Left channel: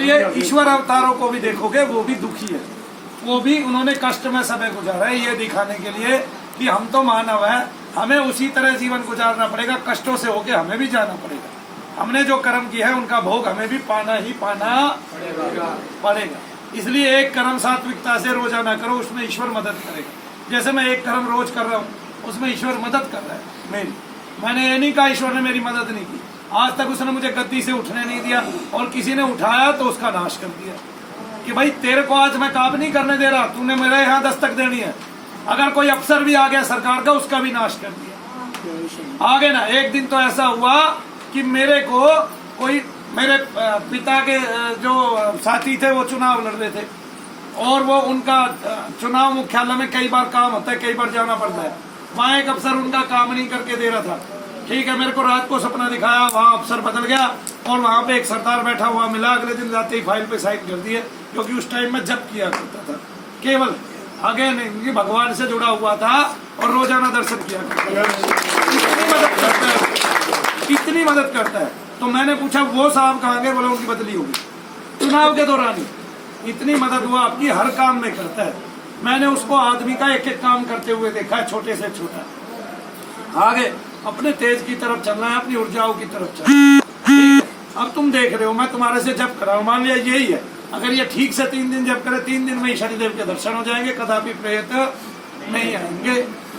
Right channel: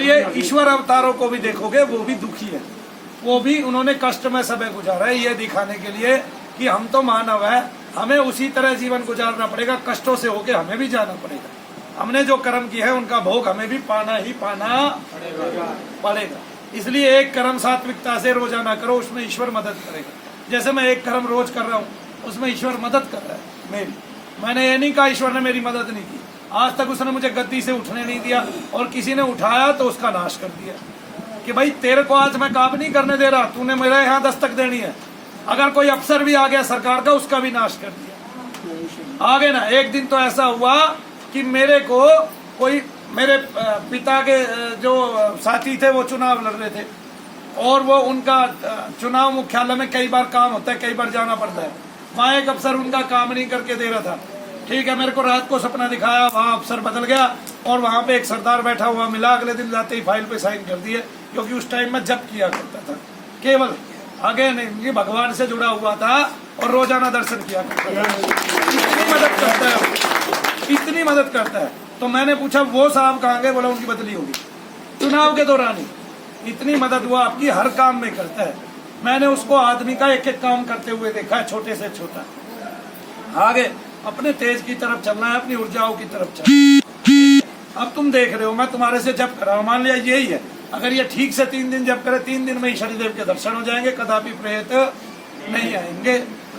इसलिए ईश्वर अवतारों को भी देखोगे वो भी दुखी है, वो भी उन्होंने कष्ट में समय गुजारा है, ये दिखाने के लिए कि हम तो मानव है, हमें उसी तरह जीवन गुजारना पड़ेगा, कष्टों से होके हमें भी जाना पड़ेगा। हमने जो कर्म किया है उनका भोग हमें भी पाना ही पाना पड़ेगा। इसलिए एक कर्म सात्विकता से रोजाना करो, उसमें ईश्वर मदद करेगा। जैसे मैं एक कर्म रोज कर रहा हूँ, उसमें ईश्वर मदद कर रहा है मेरी। मैंने ये नहीं कहा ईश्वर ने मेरी मदद नहीं की, आज तक उसने मुझे गद्दी से उठने नहीं दिया, और किसी ने उठाया तो उसका नाश कर दिया कि भाई तेरे को आज मैं काम नहीं करने दे रहा, तूने मेरे यहाँ दस्तक देनी है। अगर कोई अफसर भी आ गया सरकार का, उसका भी नाश कर दिया। आगे ना एक दिन तो ऐसा हुआ कि मेरे को कोई, मेरे पिता के जो साथी थे वो चुनाव लड़ रहे थे, और वो उनका चुनाव मुख्यालय में कई बार काम होता है, कई बार जाना पड़ता है। वहाँ एक अफसर उनका काम नहीं करके दे रहा था। ठीक है, मेरे को रात को सपना दिखाया, वहाँ अफसर बदल गया और वहाँ पे एक सरदार बैठा हुआ मिला। अगले दिन जाते ही फाइल पे साइन कर दिए, क्योंकि उस टाइम में जब किया करता था, केवल आगे नहीं, भगवान से जुड़ा हुआ था और रोजाना दर्शन किया करता था। इतनी मदद करता है, इतनी मदद करता है। तो मैंने पूछा वो साहब कहाँ गए? बोला उनकी बदली होगी। चुनाव के दौरान ही इतनी मदद हुआ आपकी, हर काम में करता है। मैंने उसको आदमी का एक एक काम करते हुए देखा है, छोटे से छोटा। आगे अपने तेज की तरफ चलना है, अपनी ऊर्जाओं की तरफ चलना है। अब तुम देख रहे हो मैं तुम्हारे से जब करा, मान लिया यही है, अगर ये ठीक से 3 दिन जब करे, 3 दिन में ही शनिदेव के दर्शन हो जाएंगे, कदापि प्रेत नहीं आएंगे।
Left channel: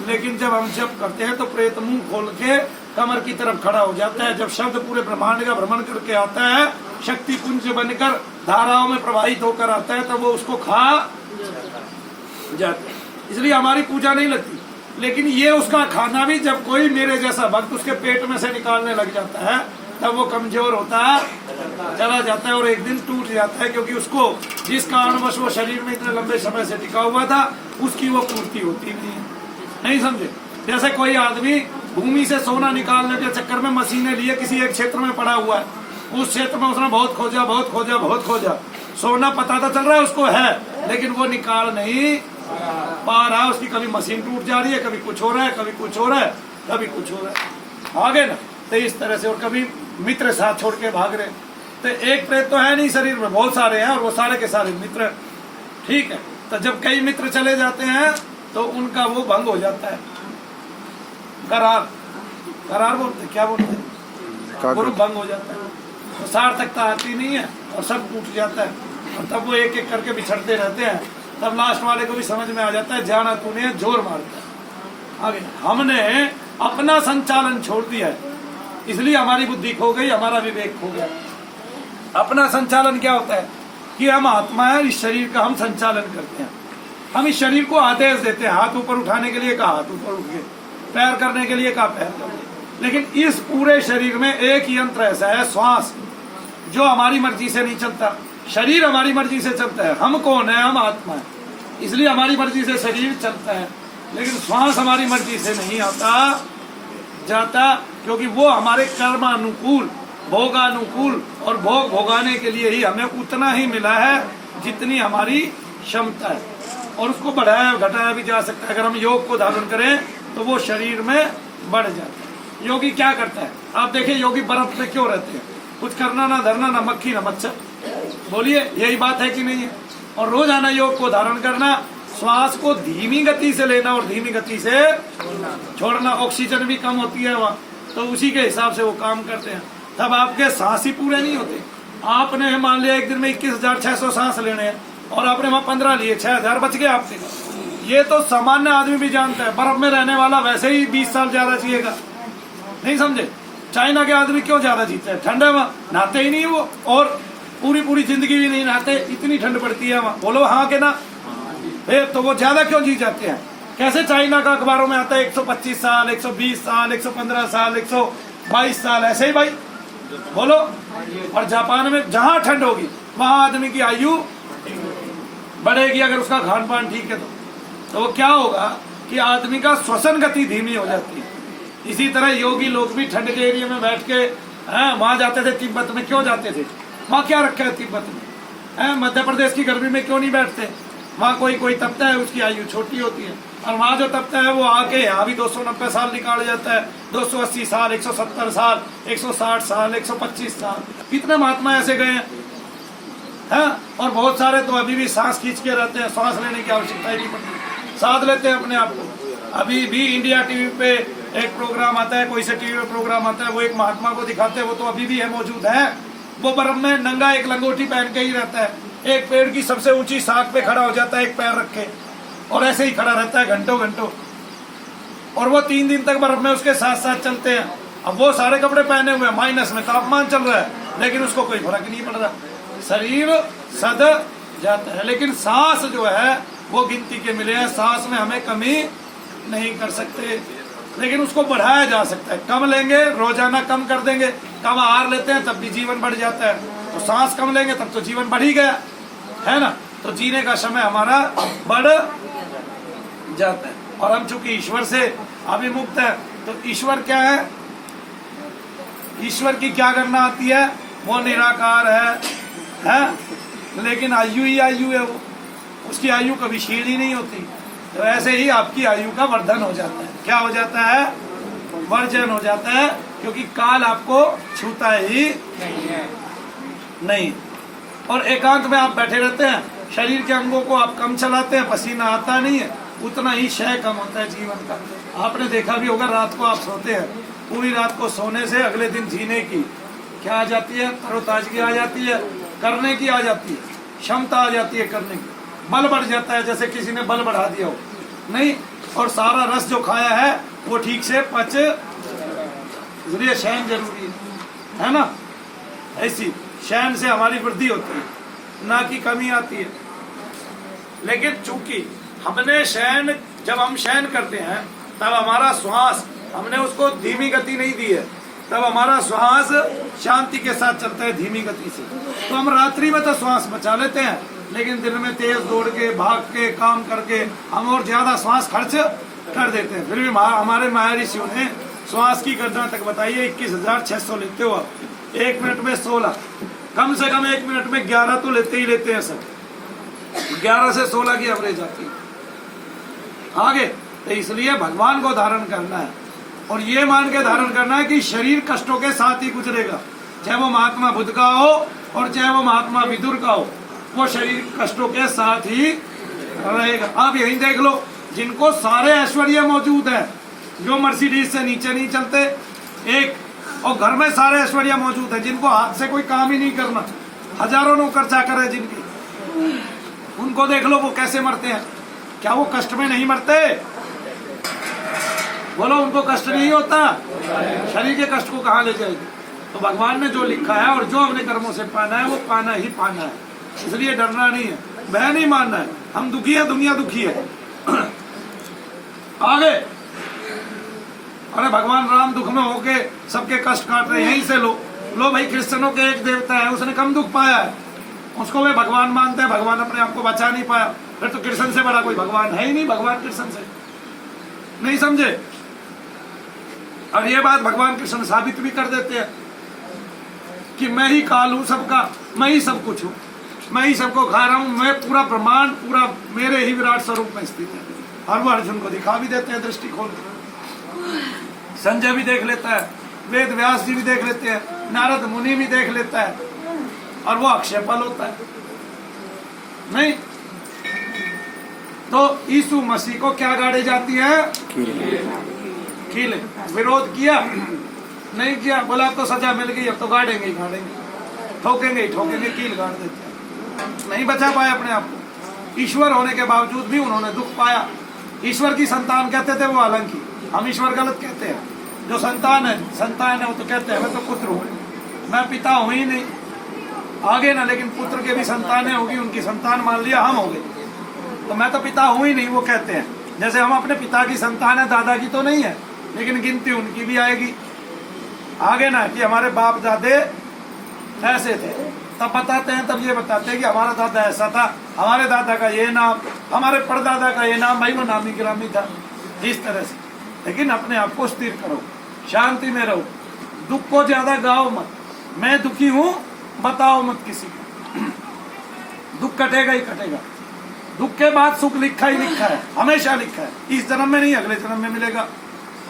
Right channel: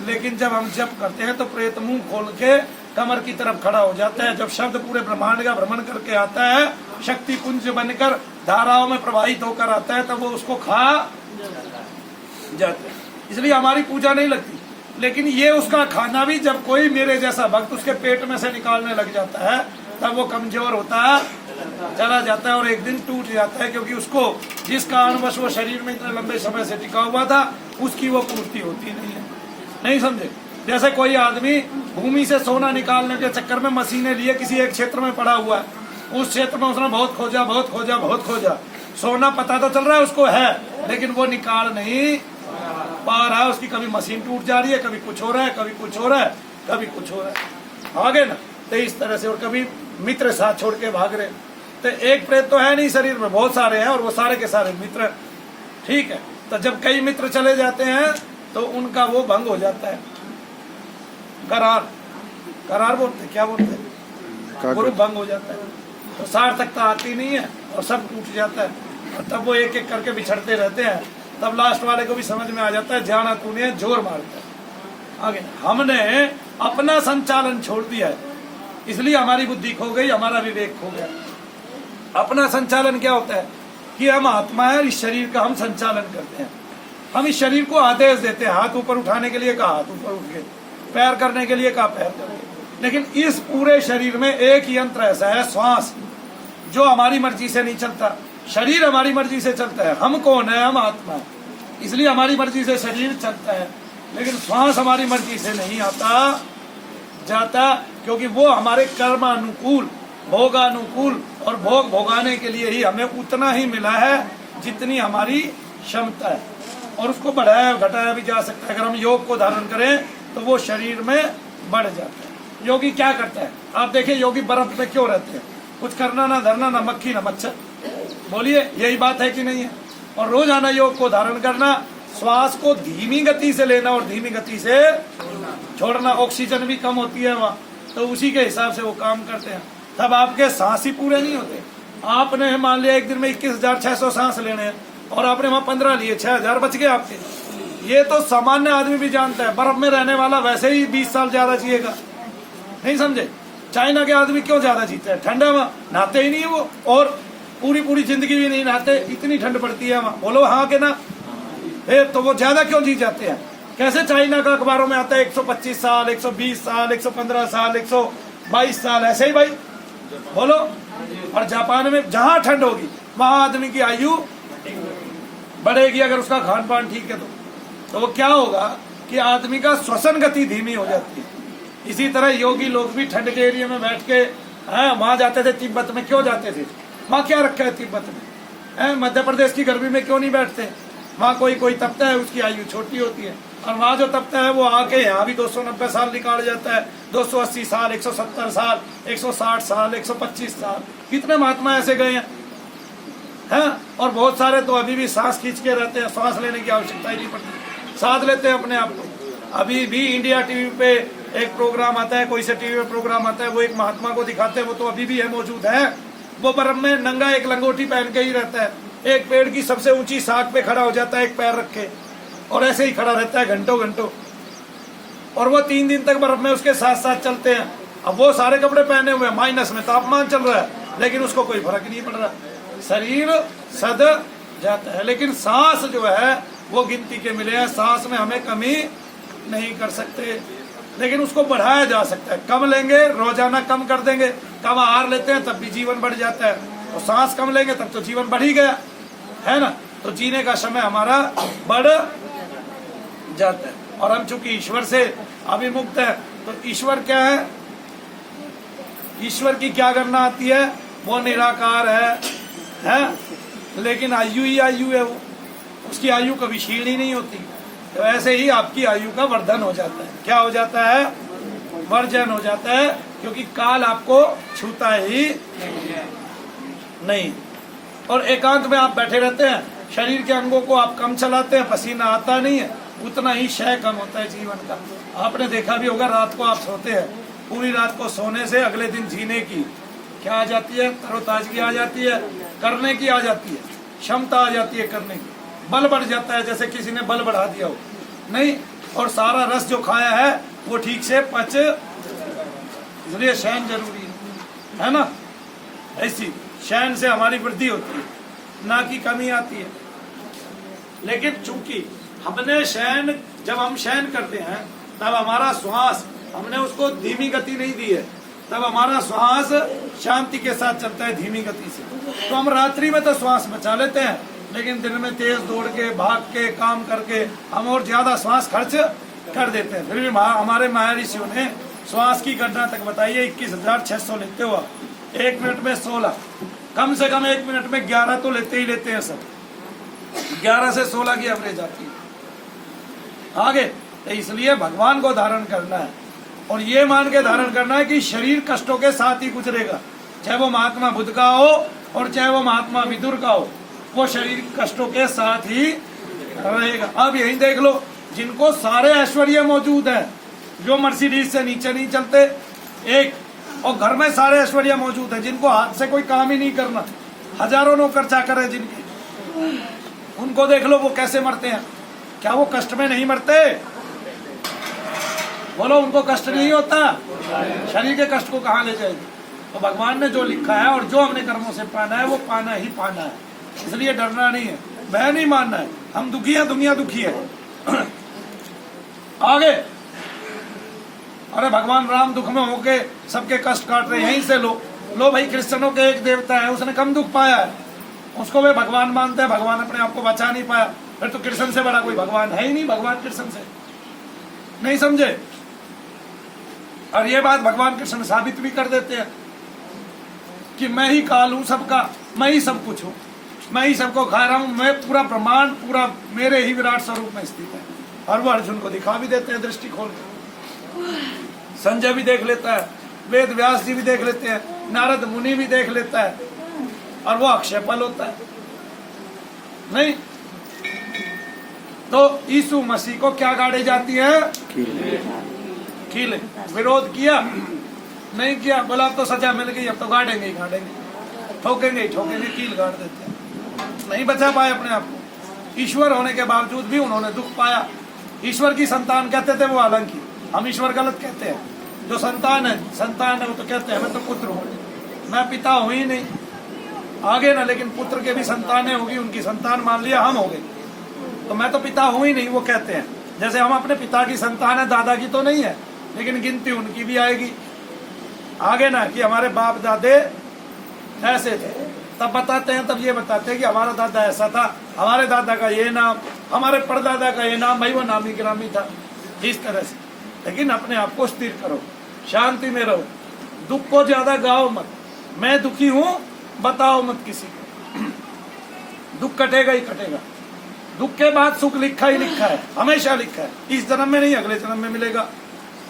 लेकिन जब हम जप करते हैं तो प्रेत मुंह खोल के कमर की तरफ खड़ा हो जाता है। जब शब्द पूरे ब्रह्मांड का भ्रमण करके आता है, शक्ति पुंज बनकर धाराओं में प्रवाहित होकर आता है, तो वो उसको खा जाता है। इसलिए हमारी पूजा नहीं लगती। लेकिन ये उसका खाना भी, जब कोई मेरे जैसा भक्त उसके पेट में से निकालने लग जाता है, तब वो कमजोर होता है, चला जाता है और एक दिन टूट जाता है, क्योंकि उसको जिस कारणवश वो शरीर में इतने लंबे समय से टिका हुआ था, उसकी वो पूर्ति होती नहीं है। नहीं समझे? जैसे कोई आदमी भूमि से सोना निकालने के चक्कर में मशीनें लिए किसी एक क्षेत्र में पड़ा हुआ है, उस क्षेत्र में उसने बहुत खोजा, बहुत खोजा, बहुत खोजा, सोना पता तो चल रहा है उसको है, लेकिन वो निकाल नहीं पा रहा है। उसकी कभी मशीन टूट जा रही है, कभी कुछ हो रहा है, कभी कुछ हो रहा है, कभी कुछ हो रहा है। आगे ना तो इस तरह से, और कभी मित्र साथ छोड़ के भाग रहे। तो एक प्रेत तो है नहीं शरीर में, बहुत सारे हैं, और वो सारे के सारे मित्र। ठीक है, तो जब कई मित्र चले जाते हैं तो उनका वो भंग हो जाता है, करार, करार बोलते, क्या बोलते हैं, वो भंग हो जाता है। तो सार्थकता आती नहीं है और सब टूट जाता है, और तब वो एक एक करके बिछड़ते रहते हैं। तब लास्ट वाले को भी समझ में आ जाता है, जाना तूने जोर मारता है। आगे हमने अपना संचालन छोड़ दिया है, इसलिए हमारी बुद्धि खो गई, हमारा विवेक खो गया। अपना संचालन क्या होता है कि हम आत्मा है, इस शरीर का हम संचालन करते हैं। हम इस शरीर को आदेश देते हैं, हाथ ऊपर उठाने के लिए कहा हाथ ऊपर उठ गए, पैर करने के लिए कहा पैर कर गए। लेकिन इस पूरे शरीर में एक यंत्र ऐसा है, श्वास, जो हमारी मर्जी से नहीं चलता। शरीर हमारी मर्जी से चलता है। हम कौन है? हम आत्मा है, इसलिए हमारी मर्जी से शरीर चलता है। लेकिन श्वास हमारी मर्जी से नहीं आता जाता, क्योंकि वो हमारे कर्मानुकूल, भोगानुकूल, और भोग भोगाने के लिए ही हमें उतना ही मिला है जितनी हमारी क्षमता है, और उसको बढ़ाया घटाया भी जा सकता है। अगर हम योग को धारण करें तो वो शरीर में बढ़ जाता है। योगी क्या करता है? आप देखिए, योगी बर्फ में क्यों रहते हैं? कुछ करना ना धरना, ना मक्खी ना मच्छर। बोलिए, यही बात है कि नहीं है? और रोजाना योग को धारण करना, श्वास को धीमी गति से लेना और धीमी गति से छोड़ना। ऑक्सीजन भी कम होती है वहाँ, तो उसी के हिसाब से वो काम करते हैं। तब आपके सांस ही पूरे नहीं होते। आपने मान लिया एक दिन में 21,600 सांस लेने हैं, और आपने वहाँ 15 लिए, 6,000 बच गए आपके। ये तो सामान्य आदमी भी जानता है। बर्फ में रहने वाला वैसे ही 20 साल ज्यादा जिएगा। नहीं समझे? चाइना के आदमी क्यों ज्यादा जीते हैं? ठंड है वहाँ, नहाते ही नहीं वो, और पूरी पूरी जिंदगी भी नहीं नहाते, इतनी ठंड पड़ती है वहाँ। बोलो हाँ के ना? फिर तो वो ज्यादा क्यों जी जाते हैं? कैसे चाइना का अखबारों में आता है 125 साल, 120 साल, 115 साल, 122 साल, ऐसे ही भाई बोलो। और जापान में जहाँ ठंड होगी वहाँ आदमी की आयु बढ़ेगी, अगर उसका खान पान ठीक है तो वो क्या होगा कि आदमी का श्वसन गति धीमी हो जाती है। इसी तरह योगी लोग भी ठंड के एरिया में बैठ के, हाँ, वहां जाते थे। तिब्बत में क्यों जाते थे? वहाँ क्या रखा है तिब्बत में? मध्य प्रदेश की गर्मी में क्यों नहीं बैठते? वहाँ कोई कोई तपता है, उसकी आयु छोटी होती है, और वहाँ जो तपता है वो आके यहाँ भी 290 साल निकाल जाता है, 280 साल, 170 साल, 160 साल, 125 साल। कितने महात्मा ऐसे गए हैं? है। और बहुत सारे तो अभी भी सांस खींच के रहते हैं, सांस लेने की आवश्यकता ही नहीं पड़ती, साथ लेते हैं अपने आप को। अभी भी इंडिया टीवी पे एक प्रोग्राम आता है, कोई से टीवी पे प्रोग्राम आता है, वो एक महात्मा को दिखाते हैं, वो तो अभी भी है, मौजूद है। वो बर्फ में नंगा एक लंगोटी पहन के ही रहता है, एक पेड़ की सबसे ऊंची शाख पे खड़ा हो जाता है एक पैर रख के, और ऐसे ही खड़ा रहता है घंटों घंटों। और वो 3 दिन तक बर्फ में उसके साथ साथ चलते हैं। अब वो सारे कपड़े पहने हुए, माइनस में तापमान चल रहा है, लेकिन उसको कोई फर्क नहीं पड़ रहा, शरीर सद जाता है। लेकिन सांस जो है वो गिनती के मिले हैं, सांस में हमें कमी नहीं कर सकते, लेकिन उसको बढ़ाया जा सकता है। कम लेंगे, रोजाना कम कर देंगे, कम आहार लेते हैं तब भी जीवन बढ़ जाता है। तो सांस कम लेंगे तब तो जीवन बढ़ ही गया, है ना। तो जीने का समय हमारा बढ़ जाता है। और हम चूंकि ईश्वर से अभिमुक्त है, तो ईश्वर क्या है, ईश्वर की क्या करना आती है, वो निराकार है, लेकिन आयु ही आयु है, वो उसकी आयु कभी क्षीण ही नहीं होती। तो ऐसे ही आपकी आयु का वर्धन हो जाता है। क्या हो जाता है, वर्जन हो जाता है, क्योंकि काल आपको छूता ही नहीं। और एकांत में आप बैठे रहते हैं, शरीर के अंगों को आप कम चलाते हैं, पसीना आता नहीं है, उतना ही क्षय कम होता है जीवन का। आपने देखा भी होगा, रात को आप सोते हैं, पूरी रात को सोने से अगले दिन जीने की क्या आ जाती है, तरोताजगी आ जाती है, करने की आ जाती है, क्षमता आ जाती है करने की, बल बढ़ जाता है, जैसे किसी ने बल बढ़ा दिया हो नहीं। और सारा रस जो खाया है वो ठीक से पच, इसलिए शयन जरूरी है ना। ऐसी शयन से हमारी वृद्धि होती है, ना कि कमी आती है। लेकिन चूंकि हमने शयन, जब हम शयन करते हैं तब हमारा श्वास, हमने उसको धीमी गति नहीं दी है, तब हमारा श्वास शांति के साथ चलता है, धीमी गति से। तो हम रात्रि में तो श्वास बचा लेते हैं, लेकिन दिन में तेज दौड़ के, भाग के, काम करके हम और ज्यादा श्वास खर्च कर देते हैं। फिर भी हमारे महर्षियों ने श्वास की गणना तक बताई है, 21,600 लेते हो आप। 1 मिनट में 16, कम से कम 1 मिनट में 11 तो लेते ही लेते हैं सब। 11 से 16 की एवरेज आती है आगे। तो इसलिए भगवान को धारण करना है, और ये मान के धारण करना है कि शरीर कष्टों के साथ ही गुजरेगा, चाहे वो महात्मा बुद्ध का हो और चाहे वो महात्मा विदुर का हो, वो शरीर कष्टों के साथ ही रहेगा। अब यही देख लो, जिनको सारे ऐश्वर्य मौजूद है, जो मर्सिडीज से नीचे नहीं चलते एक, और घर में सारे ऐश्वर्य मौजूद है, जिनको हाथ से कोई काम ही नहीं करना, हजारों नौकर चाकर है जिनकी, उनको देख लो वो कैसे मरते हैं। क्या वो कष्ट में नहीं मरते? बोलो, उनको कष्ट नहीं होता? शरीर के कष्ट को कहाँ ले जाएगी? तो भगवान ने जो लिखा है और जो हमने कर्मों से पाना है वो पाना ही पाना है, इसलिए डरना नहीं है, भय नहीं मानना है। हम दुखी है, दुनिया दुखी है। आगे, अरे भगवान राम दुख में होके सबके कष्ट काट रहे हैं, यहीं से लो भाई, क्रिश्चियनों के एक देवता है, उसने कम दुख पाया है, उसको वे भगवान मानते हैं, भगवान अपने आप को बचा नहीं पाया, फिर तो कृष्ण से बड़ा कोई भगवान है ही नहीं, भगवान कृष्ण से नहीं समझे। और ये बात भगवान कृष्ण साबित भी कर देते हैं कि मैं ही काल हूं सबका, मैं ही सब कुछ हूं, मैं ही सबको खा रहा हूं, मैं पूरा ब्रह्मांड पूरा मेरे ही विराट स्वरूप में स्थित है। और वो अर्जुन को दिखा भी देते हैं दृष्टि खोल के। संजय भी देख लेता है, वेद व्यास जी भी देख लेते हैं, नारद मुनि भी देख लेता है, और वो अक्षय फल होता है नहीं। तो यीशु मसीह को क्या गाड़े जाती है? कील। विरोध किया नहीं किया, बोला तो सजा मिल गई, अब तो गाड़ेंगे ही गाड़ेंगे, ठोकेंगे ही ठोकेंगे, कील गाड़ देते हैं। नहीं बचा पाए अपने आप को। ईश्वर होने के बावजूद भी उन्होंने दुख पाया। ईश्वर की संतान कहते थे वो, हालांकि हम ईश्वर गलत कहते हैं। जो संतान है वो तो कहते हैं मैं तो पुत्र हूँ, मैं पिता हूँ ही नहीं, आगे ना, लेकिन पुत्र के भी संतानें होगी, उनकी संतान मान लिया हम हो गए, तो मैं तो पिता हूँ ही नहीं, वो कहते हैं। जैसे हम अपने पिता की संतान है, दादा की तो नहीं है, लेकिन गिनती उनकी भी आएगी आगे ना, कि हमारे बाप दादे ऐसे थे, तब बताते हैं, तब ये बताते हैं कि हमारा दादा ऐसा था, हमारे दादा का ये नाम, हमारे परदादा का ये नाम, भाई वो नामी गिरामी था, इस तरह से। लेकिन अपने आप को स्थिर करो, शांति में रहो, दुख को ज्यादा गाओ मत, मैं दुखी हूँ बताओ मत किसी को, दुख कटेगा ही कटेगा। दुख के बाद सुख लिखा ही लिखा है, हमेशा लिखा है, इस जन्म में नहीं अगले जन्म में मिलेगा।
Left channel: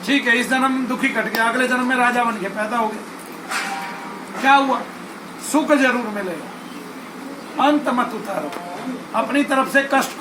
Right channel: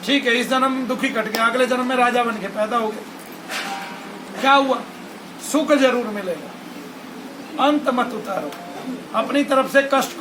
ठीक है, इस जन्म में दुखी कट गया, अगले जन्म में राजा बन के पैदा हो गए, क्या हुआ? सुख जरूर मिलेगा। अंत मत उतारो, अपनी तरफ से कष्ट को